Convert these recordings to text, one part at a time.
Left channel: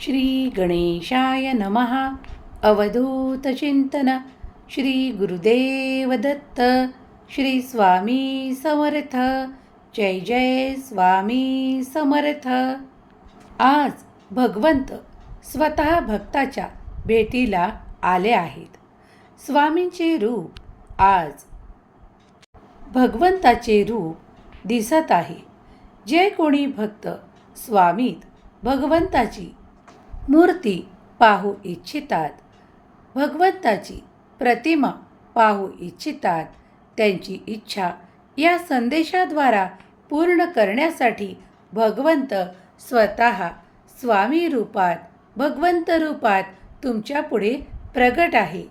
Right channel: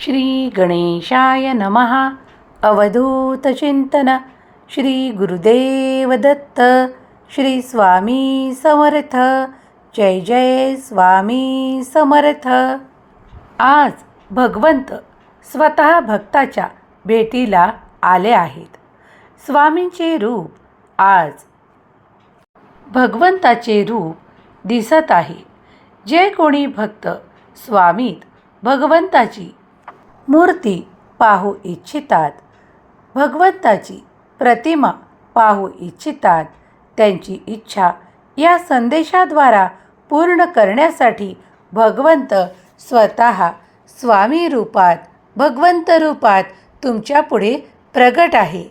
श्री गणेशाय नमः अवधूतचिंतन श्री गुरुदेव दत्त। श्री स्वामी समर्थ। जय जय स्वामी समर्थ। आज भगवंत स्वतः भक्ताच्या भेटीला आले आहेत. स्वामींचे रूप आज भगवंताचे रूप दिसत आहे. जे कोणी भक्त स्वामीत भगवंताची मूर्ती पाहू इच्छितात. भगवंताची प्रतिमा पाहू इच्छितात. त्यांची इच्छा या संदेशाद्वारा पूर्ण करण्यासाठी भगवंत स्वतः स्वामी रूपात भगवंत रूपात तुमच्यापुढे प्रगट आहे.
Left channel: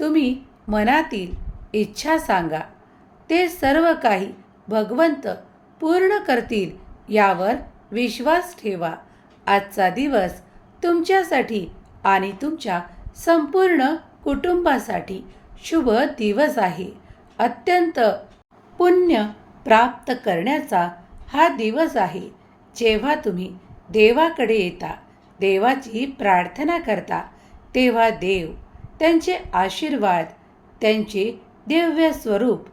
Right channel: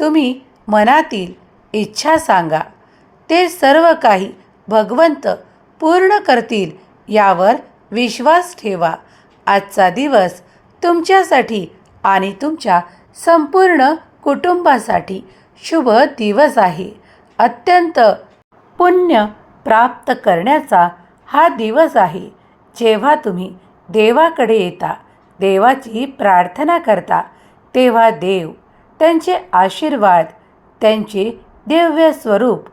तुम्ही मनातील इच्छा सांगा. ते सर्व काही भगवंत पूर्ण करतील यावर विश्वास ठेवा. आजचा दिवस तुमच्यासाठी आणि तुमच्या संपूर्ण कुटुंबासाठी शुभ दिवस आहे. अत्यंत पुण्य प्राप्त करण्याचा हा दिवस आहे. जेव्हा तुम्ही देवाकडे येता देवाची प्रार्थना करता तेव्हा देव त्यांचे आशीर्वाद त्यांचे दिव्य स्वरूप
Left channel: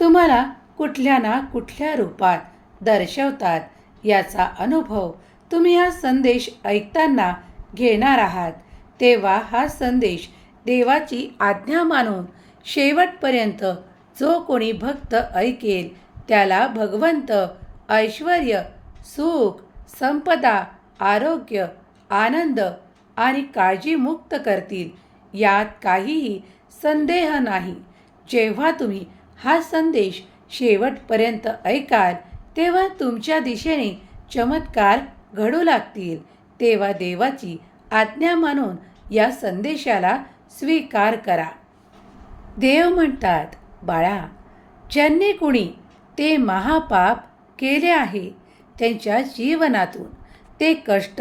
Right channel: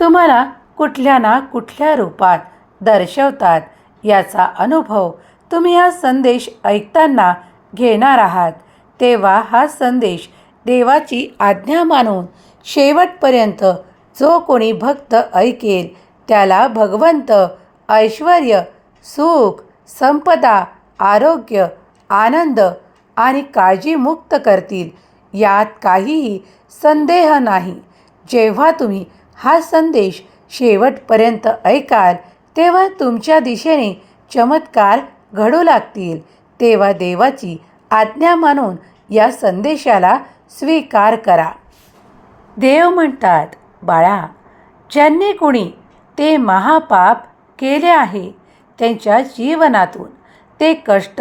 तुम्हाला कुठल्या ना कुठल्या रूपात दर्शवतात याचा अनुभव तुम्ही हा संदेश ऐकताना घेणार आहात तेव्हा हा संदेश देवाची आज्ञा मानून शेवटपर्यंत जो कोणी भक्त ऐकेल त्याला भगवंत ऐश्वर सुख संपदा आरोग्य आनंद आणि काळजीमुक्त करतील यात काहीही संदेह नाही. जेव्हा तुम्ही हा संदेश शेवटपर्यंत ऐकाल तेव्हा तुमच्या दिशेने चमत्कार घडू लागतील तेव्हा देवाची आज्ञा मानून या संदेशाला स्वीकार करा. देव म्हणतात बाळा ज्यांनी कुणी ते महापाप केले आहे त्यांच्या जीवनातून ते कष्ट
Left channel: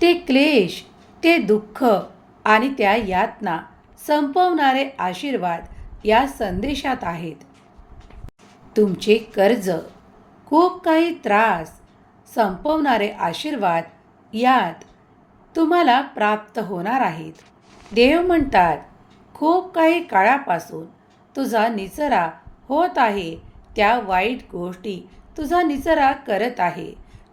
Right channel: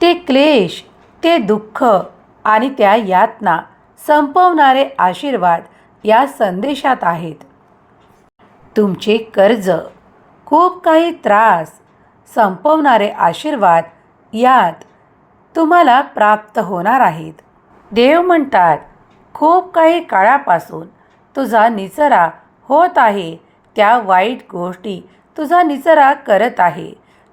ते क्लेश ते दुःख आणि त्या यातना संपवणारे आशीर्वाद या संदेशात आहेत. तुमचे कर्ज खूप काही त्रास संपवणारे आशीर्वाद यात तुम्हाला प्राप्त होणार आहेत. देव म्हणतात खूप काही काळापासून तुझा निचरा होत आहे. त्या वाईट गोष्टी तुझा निचरा करत आहे.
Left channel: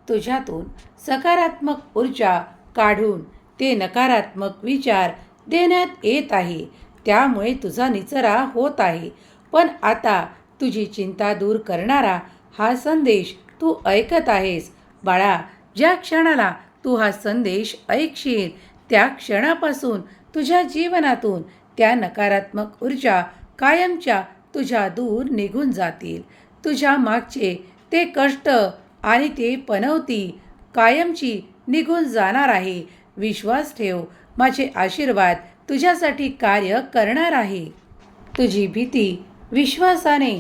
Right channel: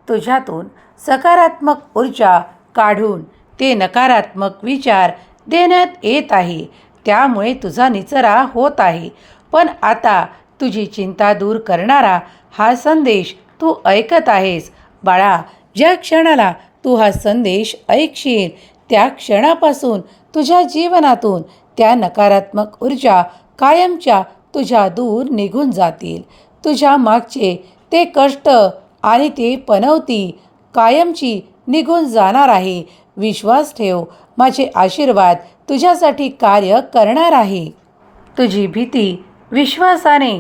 तुझ्यातून सकारात्मक ऊर्जा काढून ते नकारात्मक विचार देण्यात येत आहे. त्यामुळे तुझा निचरा होत आहे. पण आता तुझी चिंता दूर करणारा हा संदेश तू ऐकत आहेस. बाळा ज्या क्षणाला तू हा संदेश ऐकशील त्या क्षणापासून तुझ्या जीवनातून त्या नकारात्मक ऊर्जा कायमच्या तुझ्या दूर निघून जातील. तुझ्या मागचे ते कष्ट आणि ते पनवती कायमची निघून जाणार आहे. विश्वास ठेव माझे आशीर्वाद तुझ्यासाठी कार्य करणार आहे. तुझी भीती विश्वासाने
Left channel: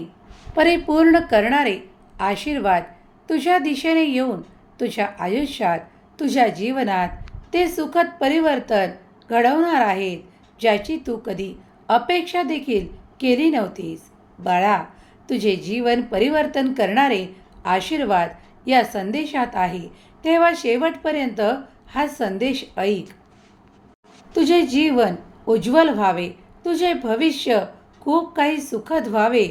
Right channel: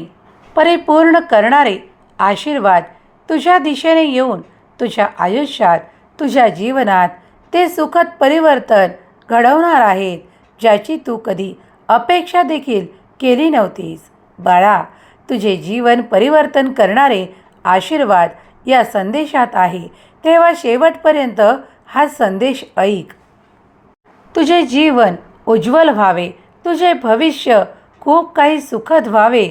परिपूर्ण करणारे आशीर्वाद तुझ्या दिशेने येऊन तुझ्या आयुष्यात तुझ्या जीवनात ते सुखद परिवर्तन घडवणार आहेत ज्याची तू कधी अपेक्षा देखील केली नव्हतीस. बाळा तुझे जीवन परिवर्तन करणारे आशीर्वाद या संदेशात आहे. तेव्हा शेवटपर्यंत हा संदेश ऐक. तुझे जीवन उज्ज्वल व्हावे. तुझे भविष्य खूप काही सुखद व्हावे.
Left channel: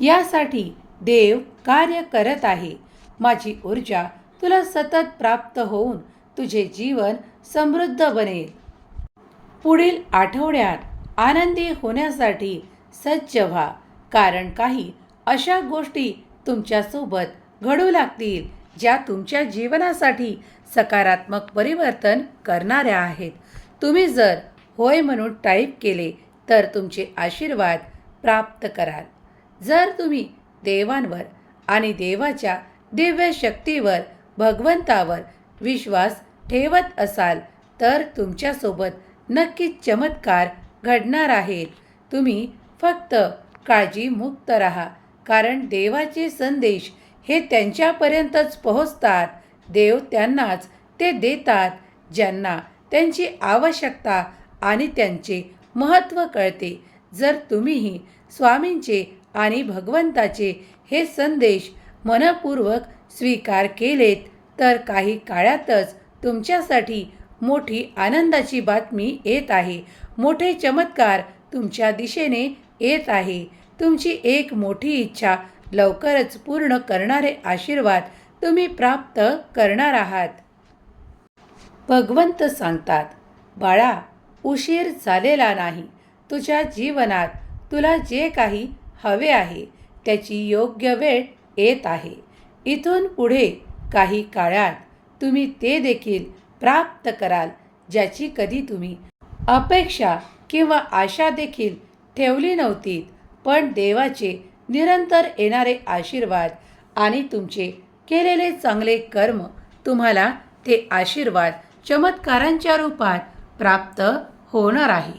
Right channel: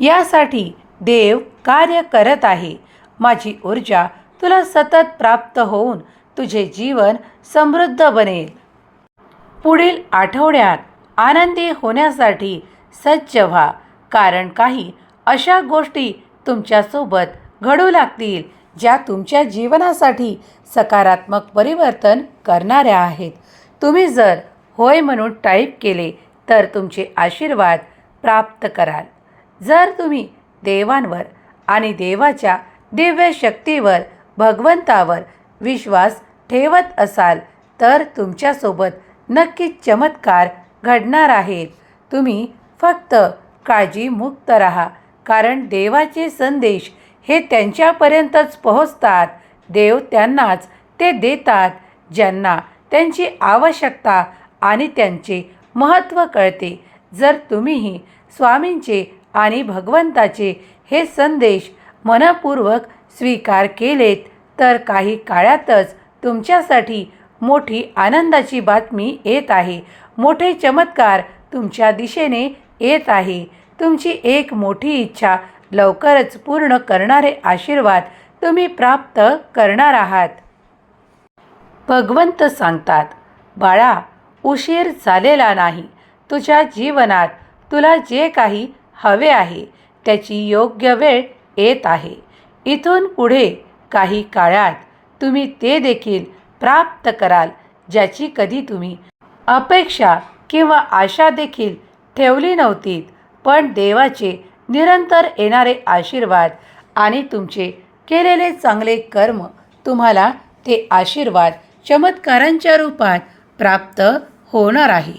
यासाठी देव कार्य करत आहे. माझी ऊर्जा तुला सतत प्राप्त होऊन तुझे जीवन समृद्ध बनेल. पुढील आठवड्यात आनंदी होण्यासाठी सज्ज व्हा कारण काही अशा गोष्टी तुमच्यासोबत घडू लागतील ज्या तुमच्या जीवनासाठी सकारात्मक परिवर्तन करणाऱ्या आहेत. तुम्ही जर होय म्हणून टाईप केले तर तुमचे आशीर्वाद प्राप्त कराल. जर तुम्ही देवांवर आणि देवाच्या दिव्य शक्तीवर भगवंतावर विश्वास ठेवत असाल तर तुमच्यासोबत नक्कीच चमत्कार घडणार आहेत. तुम्ही फक्त काळजीमुक्त राहा कारण देवाचे संदेश हे त्यांच्यापर्यंतच पोहोचतात. देव त्यांनाच ते देतात ज्यांना त्यांची आवश्यकता आणि त्यांचे महत्त्व कळते. जर तुम्हीही स्वामींचे आणि भगवंताचे हे संदेश मनपूर्वक स्वीकार केलेत तर काही काळातच तुमच्यासाठी मोठी आनंदाची बातमी येत आहे. मोठे चमत्कार तुमच्या दिशेने येत आहे. तुमची एक मोठी इच्छा लवकरच पूर्ण करणारे आशीर्वाद तुम्ही प्राप्त करणार आहात. भगवंत सांगतात बाळा उशीर झालेला नाही. तुझ्या जीवनात तुला जे काही हवे आहे त्याची योग्य वेळ येत आहे. इथून पुढे काही काळात तुम्ही ते देखील प्राप्त कराल ज्याची कधी तुम्ही अपेक्षा किंवा आशा देखील ठेवली नव्हती पण देवाचे निरंतर येणारे आशीर्वाद आणि तुमचे केलेले चांगले कर्म तुम्हाला ते आशीर्वाद चमत्कारांच्या रूपात प्राप्त होणार आहे.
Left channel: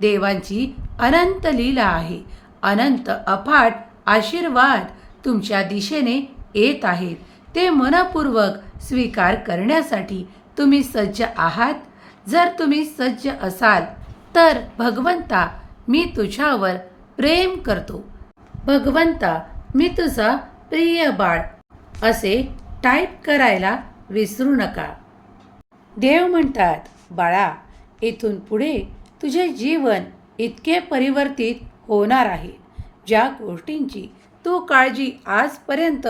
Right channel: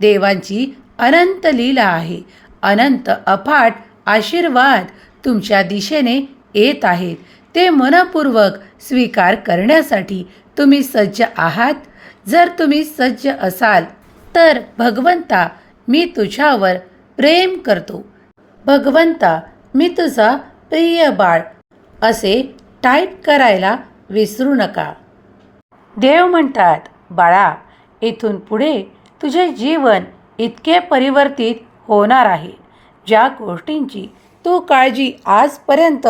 देवांची अनंत लीला आहे. अनंत अफाट आशीर्वाद तुमच्या दिशेने येत आहेत ते मनपूर्वक स्वीकार करण्यासाठी तुम्ही सज्ज आहात. जर तुम्ही सज्ज असाल तर भगवंता मी तुझ्यावर प्रेम करतो. भगवंता मी तुझा प्रिय बाळ. असे टाईप करायला विसरू नका. देव म्हणतात बाळा इथून पुढे तुझे जीवन इतके परिवर्तित होणार आहे. ज्या गोष्टींची तू काळजी आजपर्यंत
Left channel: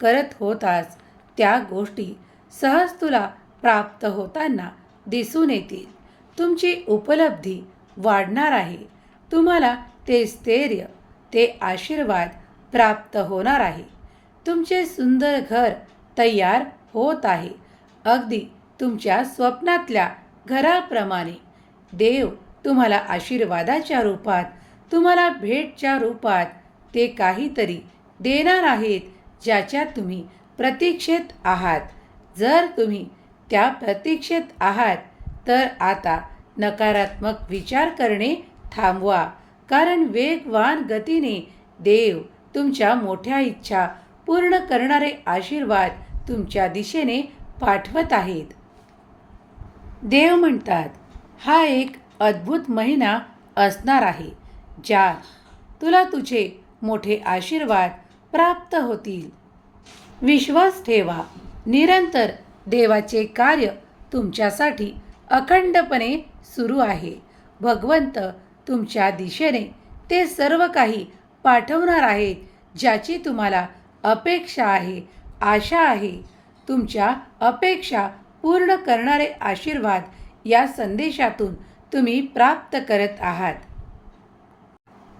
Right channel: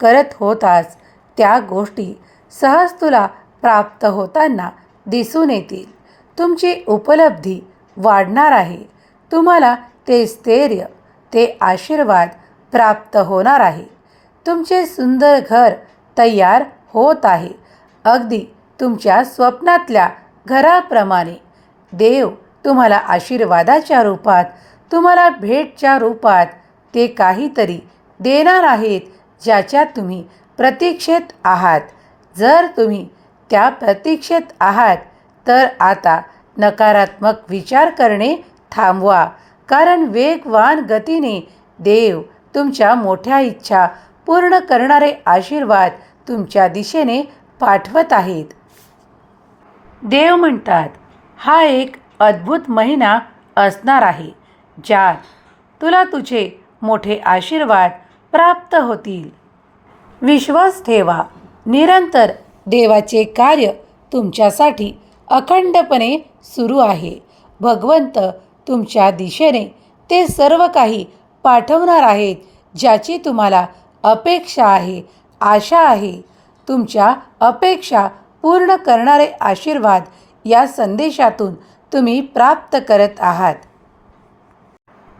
करत होतास त्या गोष्टी सहज तुला प्राप्त होताना दिसून येतील. तुमची उपलब्धी वाढणार आहे. तुम्हाला ते स्थैर्य ते आशीर्वाद प्राप्त होणार आहे. तुमचे सुंदर घर तयार होत आहे. अगदी तुमच्या स्वप्नातल्या घराप्रमाणे. देव तुम्हाला आशीर्वादाच्या रूपात तुम्हाला भेटच्या रूपात ते काहीतरी देणार आहेत ज्याच्या तुम्ही प्रतीक्षेत आहात. जर तुम्ही त्या प्रतीक्षेत आहात तर आता नकारात्मक विचार करणे थांबवा. कारण वेगवान गतीने देव तुमच्या मोठ्या इच्छा पूर्ण करणारे आशीर्वाद तुमच्या दिशेने पाठवत आहेत. देव म्हणतात हा एक अद्भुत महिना असणार आहे ज्यात तुला तुझे मोठे आशीर्वाद प्राप्त होतील. विश्वास ठेवा. निरंतर देवाचे कार्य तुमच्यासाठी अखंडपणे सुरू आहे. भगवंत तुमच्या दिशेने ते सर्व काही पाठवणार आहेत ज्याची तुम्हाला अपेक्षा आहे आशा आहे. तुमच्या अपेक्षा पूर्ण करणारे आशीर्वाद या संदेशातून तुम्ही प्राप्त करत आहात.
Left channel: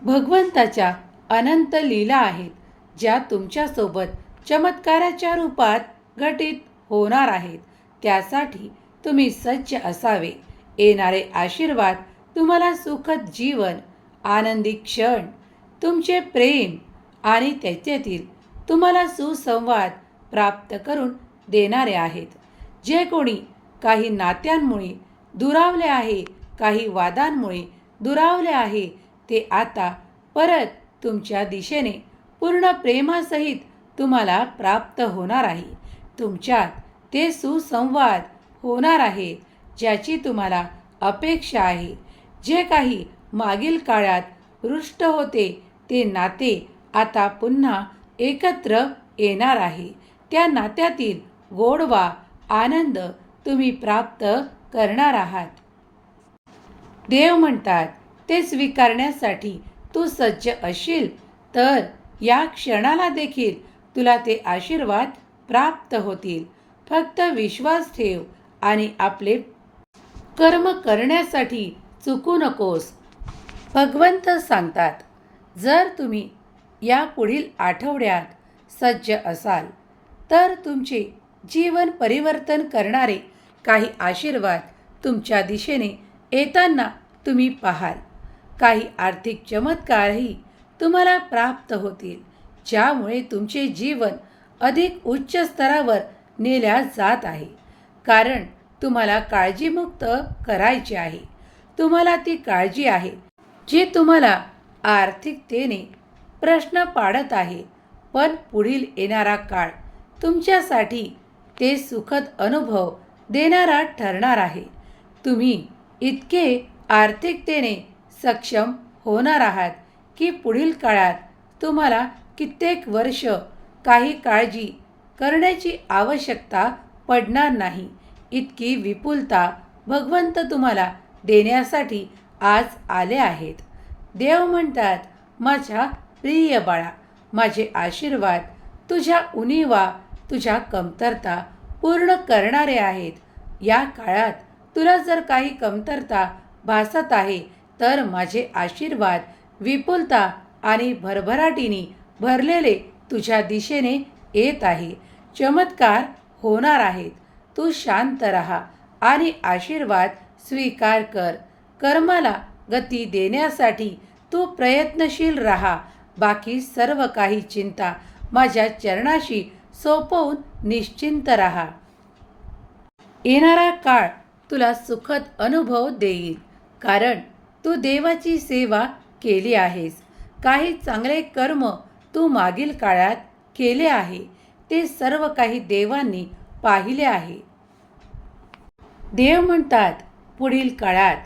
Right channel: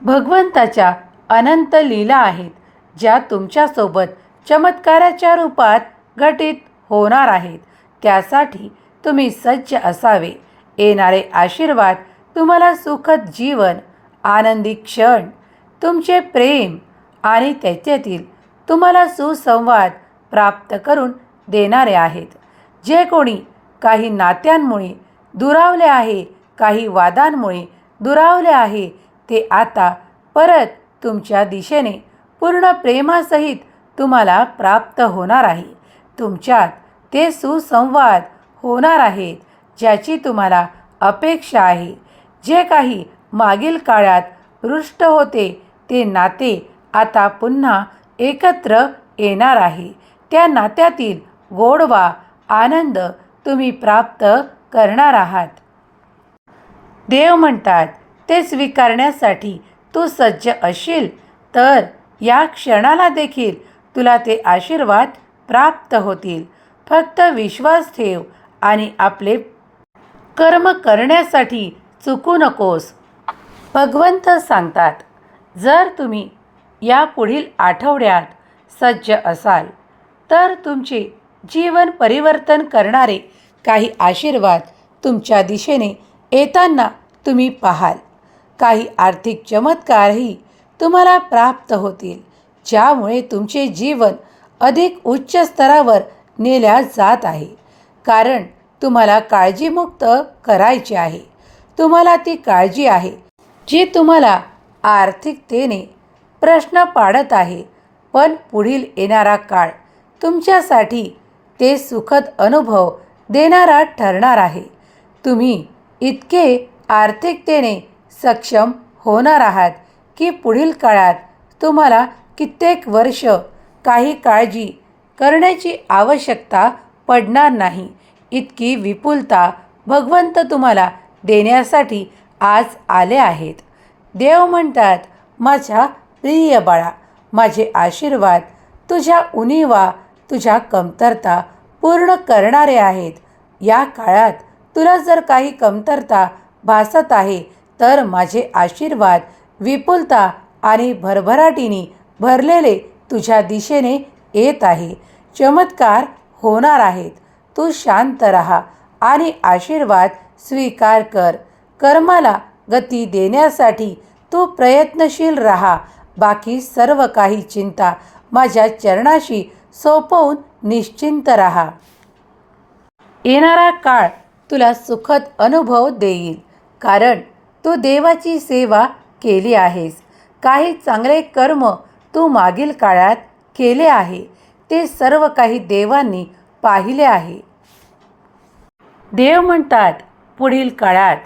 भगवंताच्या अनंत लीला आहेत ज्या तुमच्यासोबत चमत्काराच्या रूपात घटित होणार आहेत. त्यासाठी तुम्ही सज्ज असावे. येणारे आशीर्वाद तुम्हाला सुखद जीवन आनंदी क्षण तुमचे प्रेम आणि त्याच्यातील तुम्हाला सुसंवाद प्राप्त करून देणारे आहेत. जे कोणी काही नात्यांमुळे दुरावले आहे काही वादांमुळे दुरावले आहे ते आता परत तुमच्या दिशेने पूर्ण प्रेमासहित तुम्हाला प्राप्त होणार आहे. तुमच्यात ते सुसंवाद होणार आहेत ज्याची तुम्हाला अपेक्षा आहे. जे काही मागील काळात रुष्ट होते ते नाते आता पुन्हा एकत्र येणार आहे. त्या नात्यातील गोडवा आनंद तुम्ही प्राप्त करणार आहात. देव म्हणतात ते स्वीकारण्यासाठी तू सज्ज असशील तर या क्षणाला देखील तुला ते आशीर्वाद प्राप्त होतील. फक्त विश्वास ठेव आणि आपले कर्म करण्यासाठी चुकू नकोस. भगवंत सांगतात जर तुम्ही या पुढील आठवड्यात सज्ज असाल तर तुमचे जीवन परिवर्तन करणारे काही आशीर्वाद तुमच्या दिशेने येताना तुम्ही पाहाल. काही आर्थिक चमत्कारही तुम्हाला प्राप्त होतील ज्यामुळे तुमचे जीवन अधिक उच्च स्तरावर नेल्या जात आहे. कारण तुम्हाला काळजीमुक्त करायची आहे. तुम्हाला ती काळजी आहे जी तुम्हाला आर्थिकतेने प्रश्न पाडत आहे. पण पुढील येणारा काळ तुमच्यासाठी ते सुखद अनुभव देणारा ठरणार आहे. तुम्ही इतके आर्थिकतेने सक्षम होणार आहात की पुढील काळात तुम्हाला कित्येक वर्ष काही काळजी करण्याची आवश्यकता पडणार नाही. इतकी विपुलता भगवंत तुम्हाला देण्यासाठी आज आले आहेत. देव म्हणतात माझ्या प्रिय बाळा माझे आशीर्वाद तुझ्या उणीवा तुझ्या कमतरता पूर्ण करणारे आहेत. या काळात तुला जर काही कमतरता भासत आहे तर माझे आशीर्वाद विपुलता आणि भरभराटीने भरलेले तुझ्या दिशेने येत आहे. चमत्कार होणार आहेत. तू शांत राहा आणि आशीर्वाद स्वीकार कर. कर्माला गती देण्यासाठी तू प्रयत्नशील राहा. बाकी सर्व काही चिंता माझ्या चरणाशी सोपवून निश्चिंत राहा. येणारा काळ तुला सुखद अनुभव देईल. कारण तू देवाची सेवा केली आहेस. काही चांगले कर्म तू मागील काळात केले आहे. ते सर्व काही देवांनी पाहिले आहे. देव म्हणतात पुढील काळात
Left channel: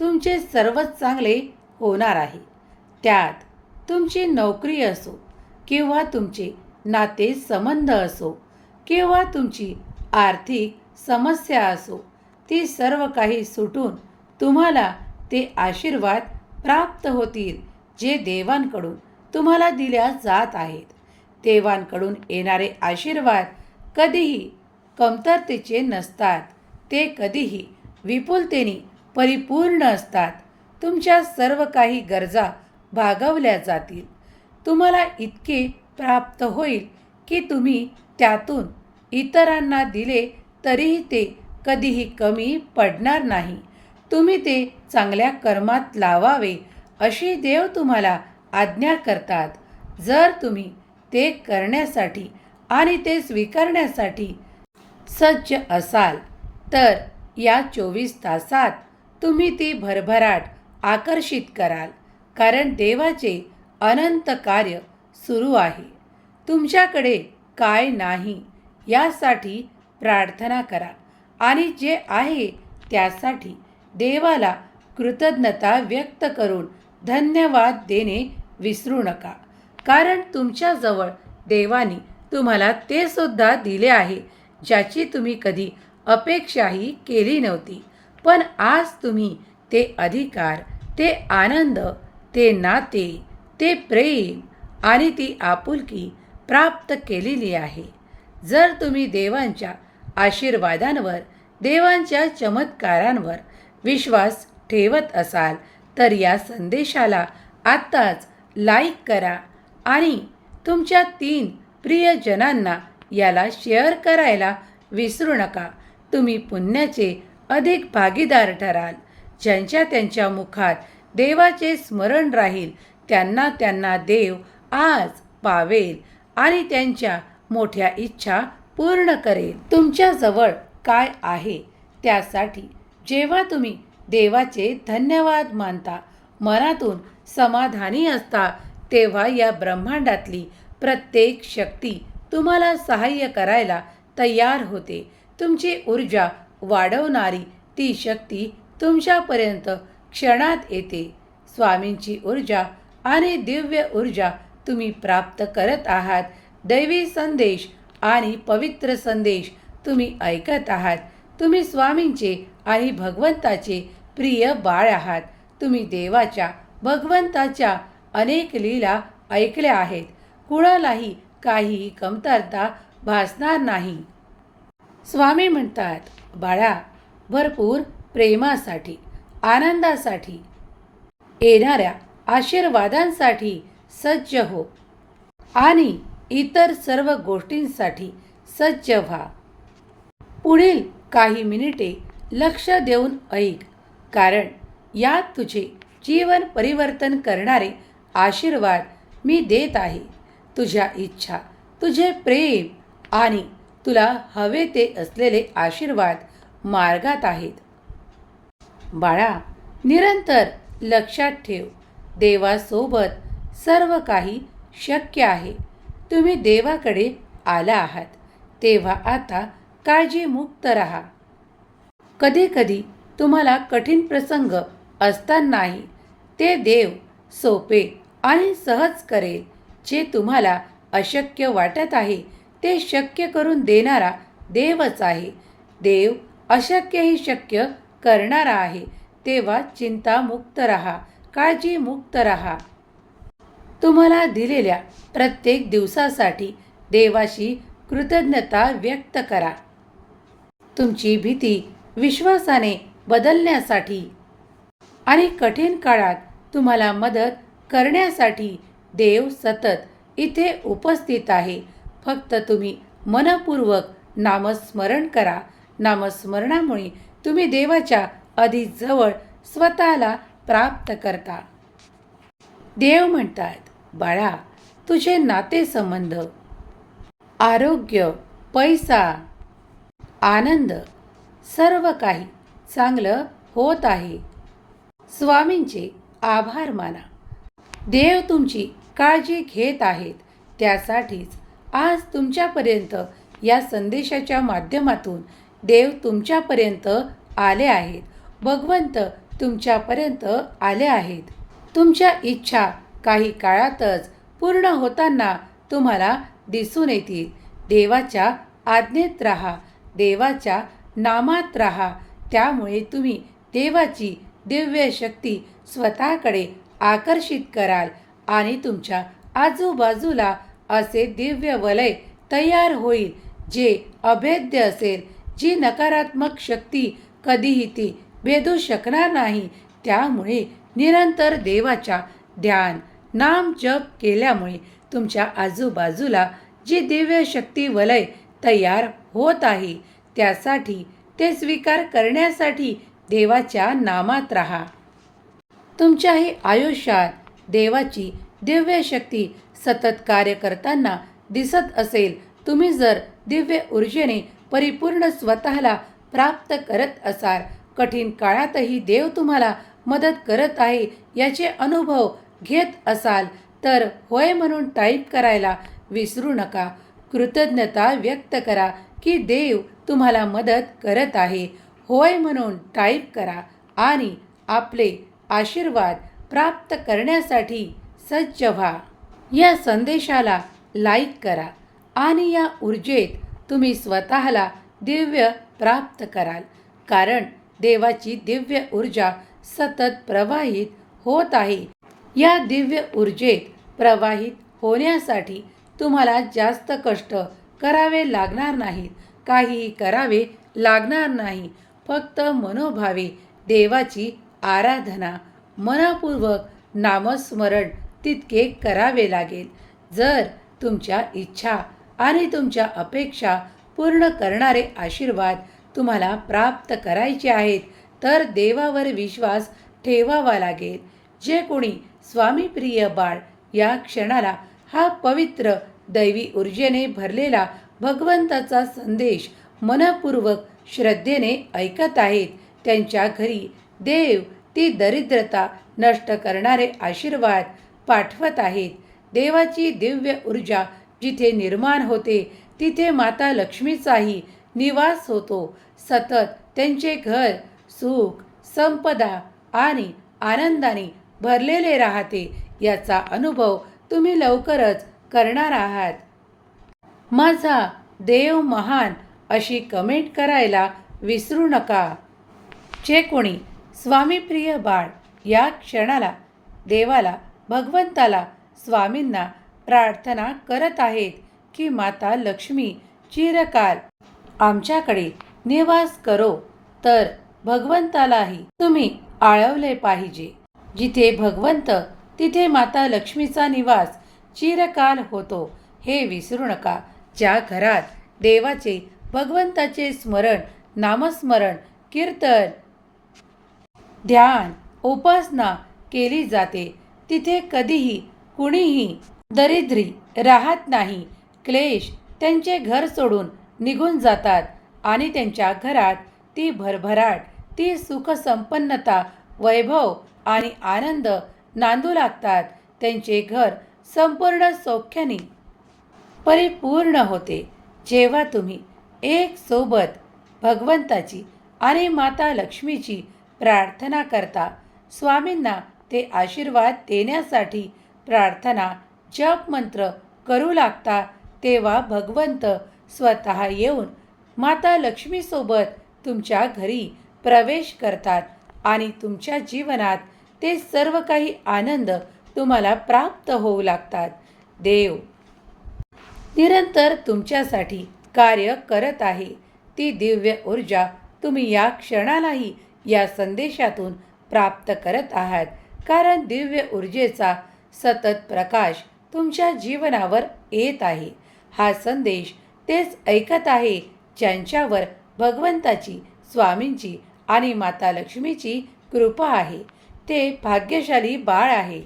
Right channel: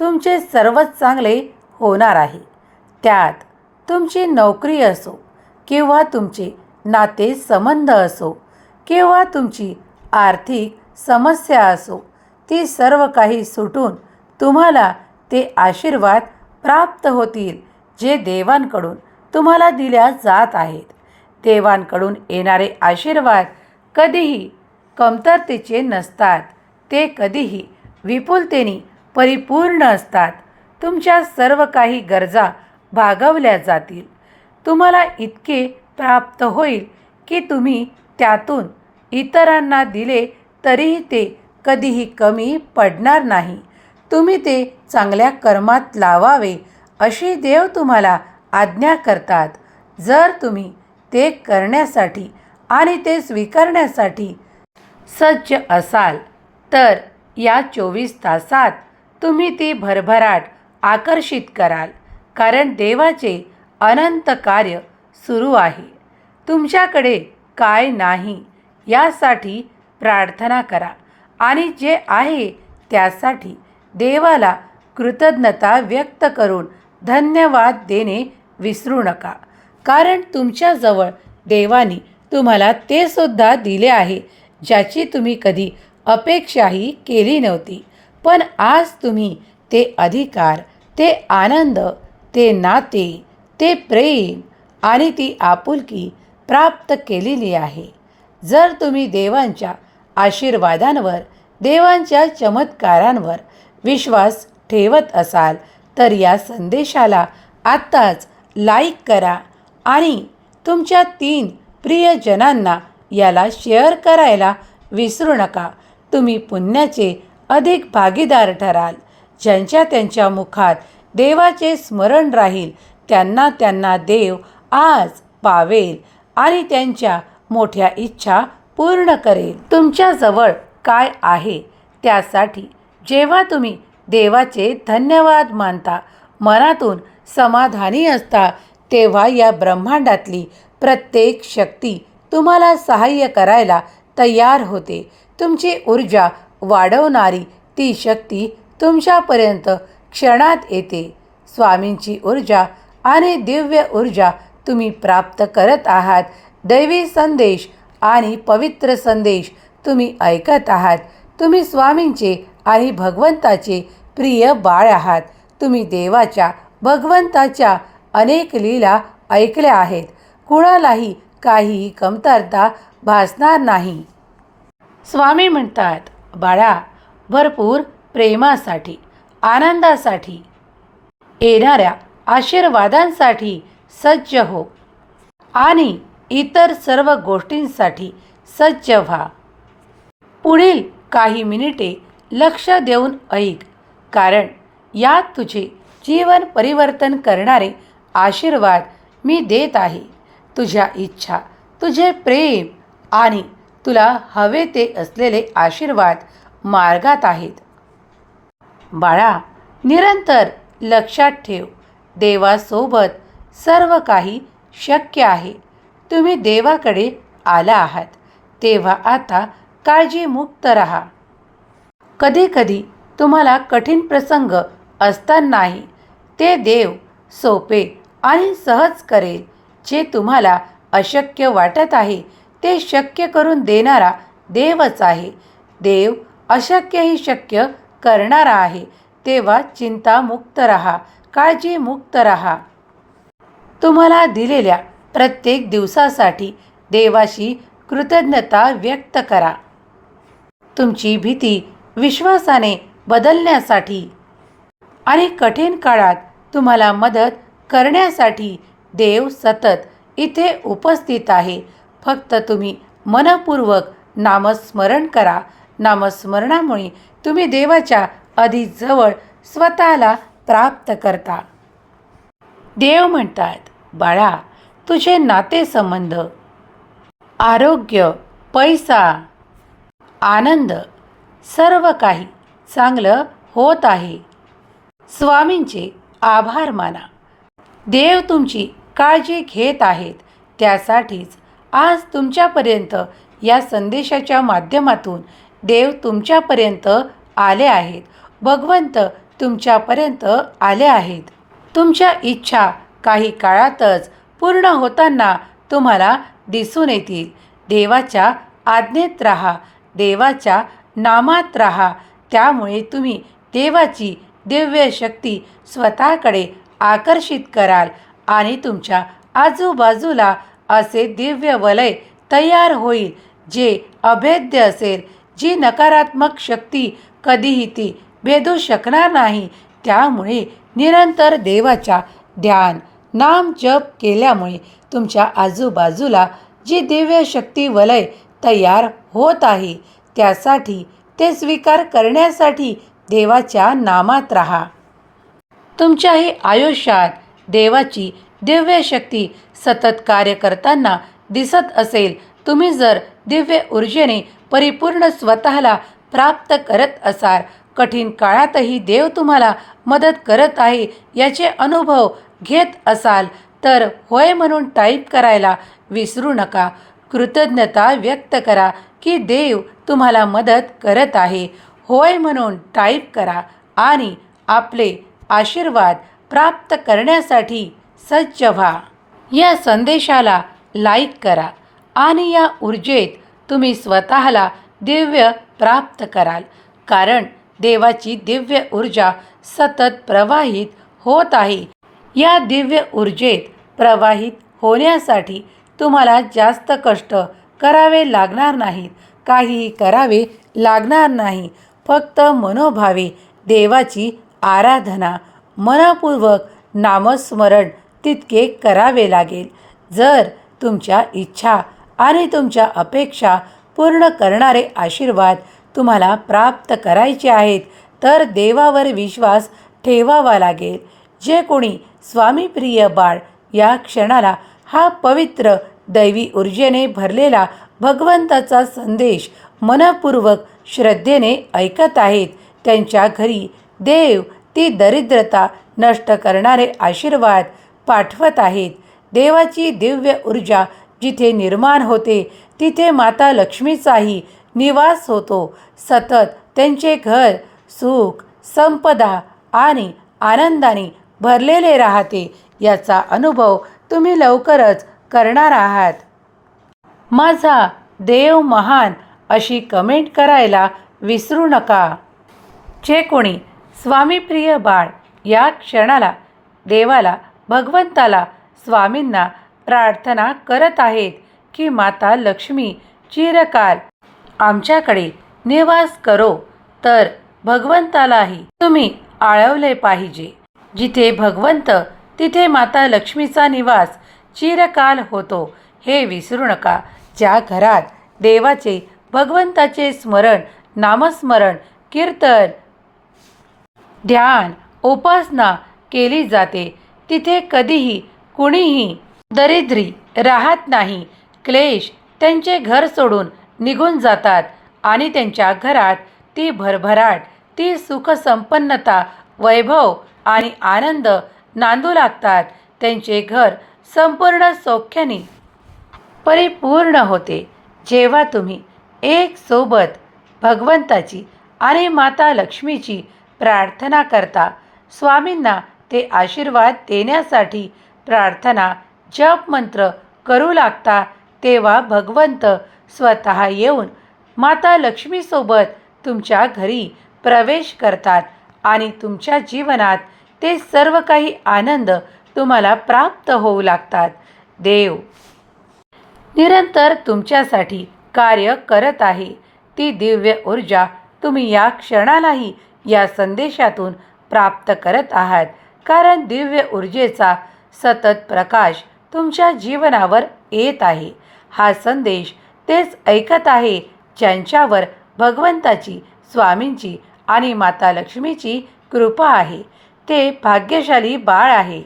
तुमचे सर्वच चांगले होणार आहे. त्यात तुमची नोकरी असो किंवा तुमचे नाते संबंध असो किंवा तुमची आर्थिक समस्या असो ती सर्व काही सुटून तुम्हाला ते आशीर्वाद प्राप्त होतील जे देवांकडून तुम्हाला दिल्या जात आहेत. देवांकडून येणारे आशीर्वाद कधीही कमतरतेचे नसतात. ते कधीही विपुलतेने परिपूर्ण असतात. तुमच्या सर्व काही गरजा भागवल्या जातील. तुम्हाला इतके प्राप्त होईल की तुम्ही त्यातून इतरांना दिले तरीही ते कधीही कमी पडणार नाही. तुम्ही ते चांगल्या कर्मात लावावे अशी देव तुम्हाला आज्ञा करतात. जर तुम्ही ते करण्यासाठी आणि ते स्वीकारण्यासाठी सज्ज असाल तर या चोवीस तासात तुम्ही ती भरभराट आकर्षित कराल कारण देवाचे अनंत कार्य सुरू आहे. तुमच्याकडे काय नाही यासाठी प्रार्थना करा आणि जे आहे त्यासाठी देवाला कृतज्ञता व्यक्त करून धन्यवाद देणे विसरू नका. कारण तुमच्याजवळ देवाने तुम्हाला ते सुद्धा दिले आहे ज्याची तुम्ही कधी अपेक्षाही केली नव्हती. पण आज तुम्ही ते अधिकार ते आनंद ते नाते ते प्रेम आणि ती आपुलकी प्राप्त केलेली आहे. जर तुम्ही देवांच्या आशीर्वादांवर देवांच्या चमत्कारांवर विश्वास ठेवत असाल तर या संदेशाला आत्ताच लाईक करा आणि तुमच्या तीन प्रियजनांना याला शेअर करायला विसरू नका. तुम्ही पुण्याचे अधिक भागीदार ठराल. ज्यांच्या त्यांच्या मुखात देवाचे स्मरण राहील त्यांना त्यांना देव आज पावेल आणि त्यांच्या मोठ्या इच्छा पूर्ण करेल. तुमच्याजवळ काय आहे? त्यासाठी जेव्हा तुम्ही देवाचे धन्यवाद मानता. मनातून समाधानी असता तेव्हा या ब्रह्मांडातली प्रत्येक शक्ती तुम्हाला सहाय्य करायला तयार होते. तुमची ऊर्जा वाढवणारी ती शक्ती तुमच्यापर्यंत क्षणात येते. स्वामींची ऊर्जा आणि दिव्य ऊर्जा तुम्ही प्राप्त करत आहात. दैवी संदेश आणि पवित्र संदेश तुम्ही ऐकत आहात. तुम्ही स्वामींचे आणि भगवंताचे प्रिय बाळ आहात. तुम्ही देवाच्या भगवंताच्या अनेक लीला ऐकल्या आहेत. कुणालाही काहीही कमतरता भासणार नाही. स्वामी म्हणतात बाळा भरपूर प्रेमासाठी आनंदासाठी येणाऱ्या आशीर्वादांसाठी सज्ज हो आणि इतर सर्व गोष्टींसाठी सज्ज व्हा. पुढील काही मिनिटे लक्ष देऊन ऐक. कारण यात तुझे जीवन परिवर्तन करणारे आशीर्वाद मी देत आहे. तुझ्या इच्छा तुझे प्रेम आणि तुला हवे ते असलेले आशीर्वाद मार्गात आहेत. बाळा निरंतर लक्षात ठेव. देवासोबत सर्व काही शक्य आहे. तुम्ही देवाकडे आला आहात. तेव्हा आता काळजीमुक्त राहा. कधीकधी तुम्हाला कठीण प्रसंग असतानाही ते देव सोपे आणि सहज करेल. जे तुम्हाला अशक्य वाटत आहे ते शक्य करून देणारा देवच आहे. देव अशक्यही शक्य करणारा आहे. तेव्हा चिंतामुक्त राहा काळजीमुक्त राहा. तुम्हाला दिलेल्या प्रत्येक दिवसासाठी देवाशी कृतज्ञता व्यक्त करा. तुमची भीती विश्वासाने बदलण्यासाठी आणि कठीण काळात तुम्हाला मदत करण्यासाठी देव सतत इथे उपस्थित आहे. फक्त तुम्ही मनपूर्वक नामस्मरण करा. नामस्मरणामुळे तुम्ही देवाच्या अधिक जवळ स्वतःला प्राप्त करता. देव म्हणतात बाळा तुझे नातेसंबंध आरोग्य पैसा आनंद सर्व काही चांगलं होत आहे. स्वामींचे आभार माना. देव तुमची काळजी घेत आहेत. त्यासाठीच आज तुमच्यापर्यंत या संदेशाच्या माध्यमातून देव तुमच्यापर्यंत आले आहेत. भगवंत तुमच्यापर्यंत आले आहेत. तुमच्या इच्छा काही काळातच पूर्ण होताना तुम्हाला दिसून येतील. देवाच्या आज्ञेत राहा. देवाच्या नामात राहा. त्यामुळे तुम्ही देवाची दिव्य शक्ती स्वतःकडे आकर्षित कराल आणि तुमच्या आजूबाजूला असे दिव्य वलय तयार होईल जे अभेद्य असेल जी नकारात्मक शक्ती कधीही ती भेदू शकणार नाही. त्यामुळे निरंतर देवाच्या ध्यान नाम जप केल्यामुळे तुमच्या आजूबाजूला जी दिव्य शक्ती वलय तयार होत आहे त्यासाठी ते स्वीकार करण्यासाठी देवाच्या नामात राहा. तुमच्याही आयुष्यात देवाची दिव्य शक्ती सतत कार्य करताना दिसत असेल तुम्ही जर दिव्य ऊर्जेने परिपूर्ण स्वतःला प्राप्त करत असाल कठीण काळातही देव तुम्हाला मदत करत आहे याचे अनुभव घेत असाल तर होय म्हणून टाईप करायला विसरू नका. कृतज्ञता व्यक्त करा की देव तुम्हाला मदत करत आहे. होय म्हणून टाईप करा आणि आपले आशीर्वाद प्राप्त करण्यासाठी सज्ज व्हा. या संदेशाला लाईक करा आणि या ऊर्जेत तुम्ही स्वतःला दिव्य प्राप्त कराल. कारण देवाची दिव्य ऊर्जा सतत प्रवाहित होत आहे. या दिव्य ऊर्जेत प्रवाहित होण्यासाठी तुम्हाला जास्त कष्ट करावे लागणार नाहीत. काहीही करावे लागणार नाही. फक्त मनोभावे देवाची आराधना मनपूर्वक नामस्मरण तितके करावे लागेल. जर तुमच्या इच्छा आणि तुमच्या अपेक्षा पूर्ण करणारे आशीर्वाद तुम्हाला प्राप्त करायचे आहेत तर देवावर विश्वास ठेवावा लागेल. जे कोणी स्वामीप्रिय बाळ या क्षणाला हा पवित्र दैवी ऊर्जेने भरलेला भगवंताचा संदेश मनपूर्वक श्रद्धेने ऐकत आहेत. त्यांच्या घरी देव ती दरिद्रता नष्ट करणारे आशीर्वाद पाठवत आहेत. देवाची दिव्य ऊर्जा जिथे निर्माण होते तिथे माता लक्ष्मीचाही निवास होतो. सतत त्यांचे घर सुख संपदा आणि आनंदाने भरलेले राहते याचा अनुभव तुम्ही लवकरच करणार आहात. माझा देव महान अशी कमेंट करायला विसरू नका. जे कोणी स्वामीप्रिय बाळ या क्षणाला देवाला भगवंताला स्वामींना प्रार्थना करत आहेत की माता लक्ष्मी चिरकाल आमच्याकडे निवास करो तर भगवंतालाही तुम्ही आळवले पाहिजे. जिथे भगवंत तिथे माता लक्ष्मीचा निवास चिरकाल होतो. हे विसरू नका. ज्या घरात देवाचे भगवंताचे स्मरण नामस्मरण कीर्तन ध्यान उपासना केली जाते तिथे कधीही कुणीही दरिद्री राहत नाही. क्लेश त्यांचे घर सोडून निघून जातात आणि त्यांच्या घरात ती भरभराट ती सुखसंपन्नता वैभव आणि आनंद नांदू लागतात. त्यांचे घर संपूर्ण सौख्याने परिपूर्ण होते. जेव्हा तुम्ही एक सोबत भगवंताची आणि माता लक्ष्मीची प्रार्थना करता स्वामींना ते आशीर्वाद देण्यासाठी प्रार्थना जप मंत्र करू लागता तेव्हा भगवंत स्वतः येऊन माता लक्ष्मीसोबत तुमच्या घरी प्रवेश करतात आणि तुमच्या जीवनात ते सर्व काही आनंद तुम्हाला प्राप्त होऊ लागतात. देव निरंतर तुमच्यासाठी कार्य करत आहे. ती दिव्य ऊर्जा तुम्ही या क्षणालाही या संदेशातून प्राप्त करत आहात. कारण दिव्य ऊर्जेचा सतत प्रकाश तुमच्या जीवनावर येत आहे. हा संदेश तेच ऐकत आहे ज्यांच्यावर भगवंताची स्वामींची आणि माता लक्ष्मीची कृपा आहे. ते भाग्यशाली बाळ आहे.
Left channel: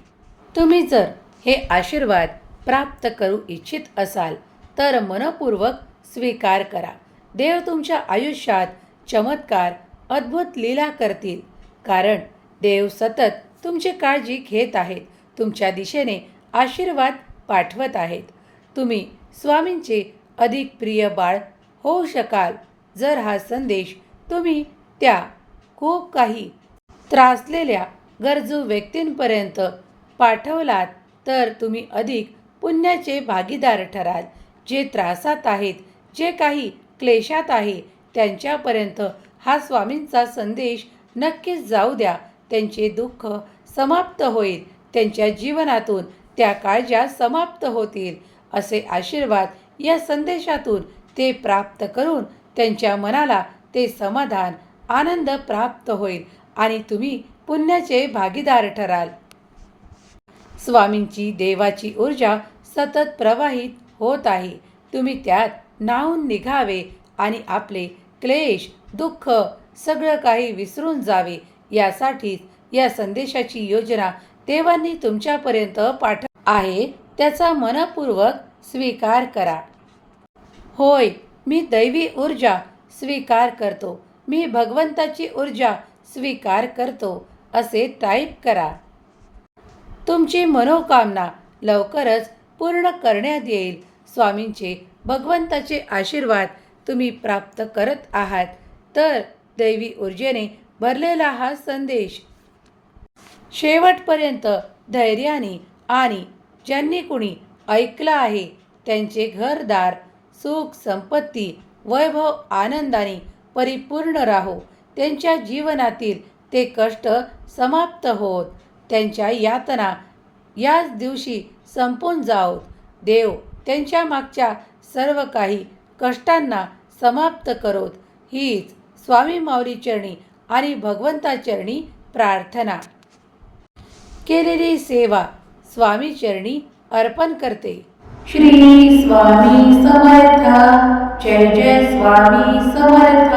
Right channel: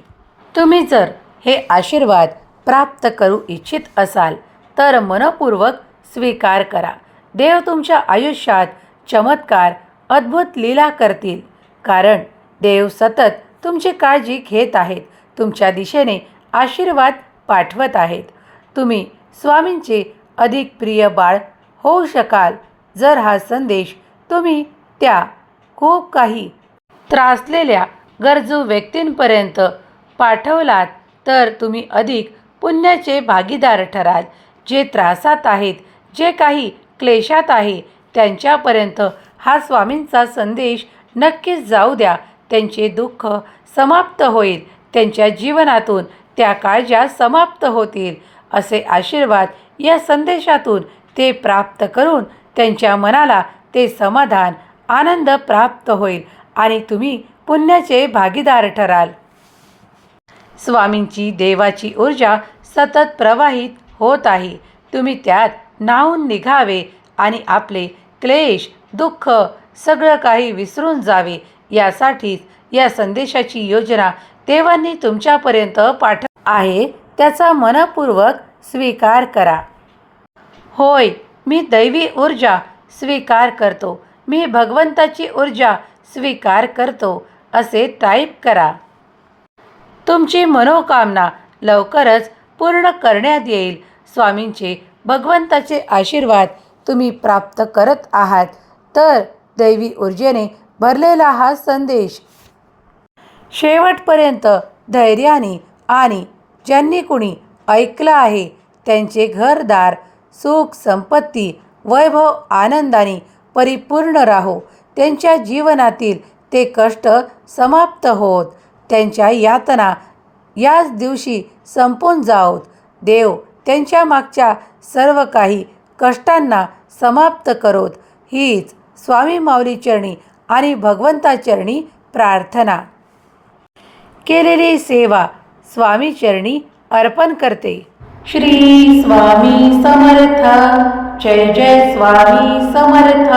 तुम्ही जर हे आशीर्वाद प्राप्त करू इच्छित असाल तर मनपूर्वक स्वीकार करा. देव तुमच्या आयुष्यात चमत्कार अद्भुत लीला करतील. कारण देव सतत तुमची काळजी घेत आहेत तुमच्या दिशेने आशीर्वाद पाठवत आहेत. तुम्ही स्वामींचे अधिक प्रिय बाळ होऊ शकाल जर हा संदेश तुम्ही त्या खूप काही त्रासलेल्या गरजू व्यक्तींपर्यंत पाठवलात तर तुम्ही अधिक पुण्याचे भागीदार ठराल. जे त्रासात आहेत जे काही क्लेशात आहे त्यांच्यापर्यंत हा स्वामींचा संदेश नक्कीच जाऊ द्या. त्यांचे दुःख समाप्त होईल. त्यांच्या जीवनातून त्या काळज्या समाप्त होतील असे आशीर्वाद या संदेशातून ते प्राप्त करून त्यांच्या मनाला ते समाधान आनंद प्राप्त होईल. आणि तुम्ही पुण्याचे भागीदार ठराल. स्वामींची देवाची ऊर्जा सतत प्रवाहित होत आहे. तुम्ही त्यात न्हावून निघावे आणि आपले क्लेश दुःख सगळं काही विसरून जावे. यासाठीच या संदेशाची योजना देवांनी तुमच्यापर्यंत पाठ आहे त्याचा मनपूर्वक स्वीकार करा. होय मी दैवी ऊर्जा स्वीकार करतो. मी भगवंताची ऊर्जा स्वीकार करतो. असे टाईप करा. तुमची मनोकामना लवकरच पूर्ण करण्यात येईल. स्वामींचे भगवंताचे आशीर्वाद तुम्ही प्राप्त करत आहात. तर दैवी ऊर्जेने भरलेला हा संदेश. शेवटपर्यंत धैर्याने आणि ज्यांनी कुणी ऐकलं आहे त्यांचे घरदार सुख संपत्ती वैभव आनंदाने परिपूर्ण राहो. त्यांच्या जीवनातील ते कष्ट समाप्त होत. त्यांच्या यातना याच दिवशी संपून जावोत. देव त्यांच्या मागच्या सर्व काही कष्टांना समाप्त करोत. हीच स्वामी माऊली चरणी आणि भगवंताचरणी प्रार्थना. केलेली सेवा स्वामी चरणी अर्पण करते. श्री स्वामी समर्थ. जय जय स्वामी समर्थ.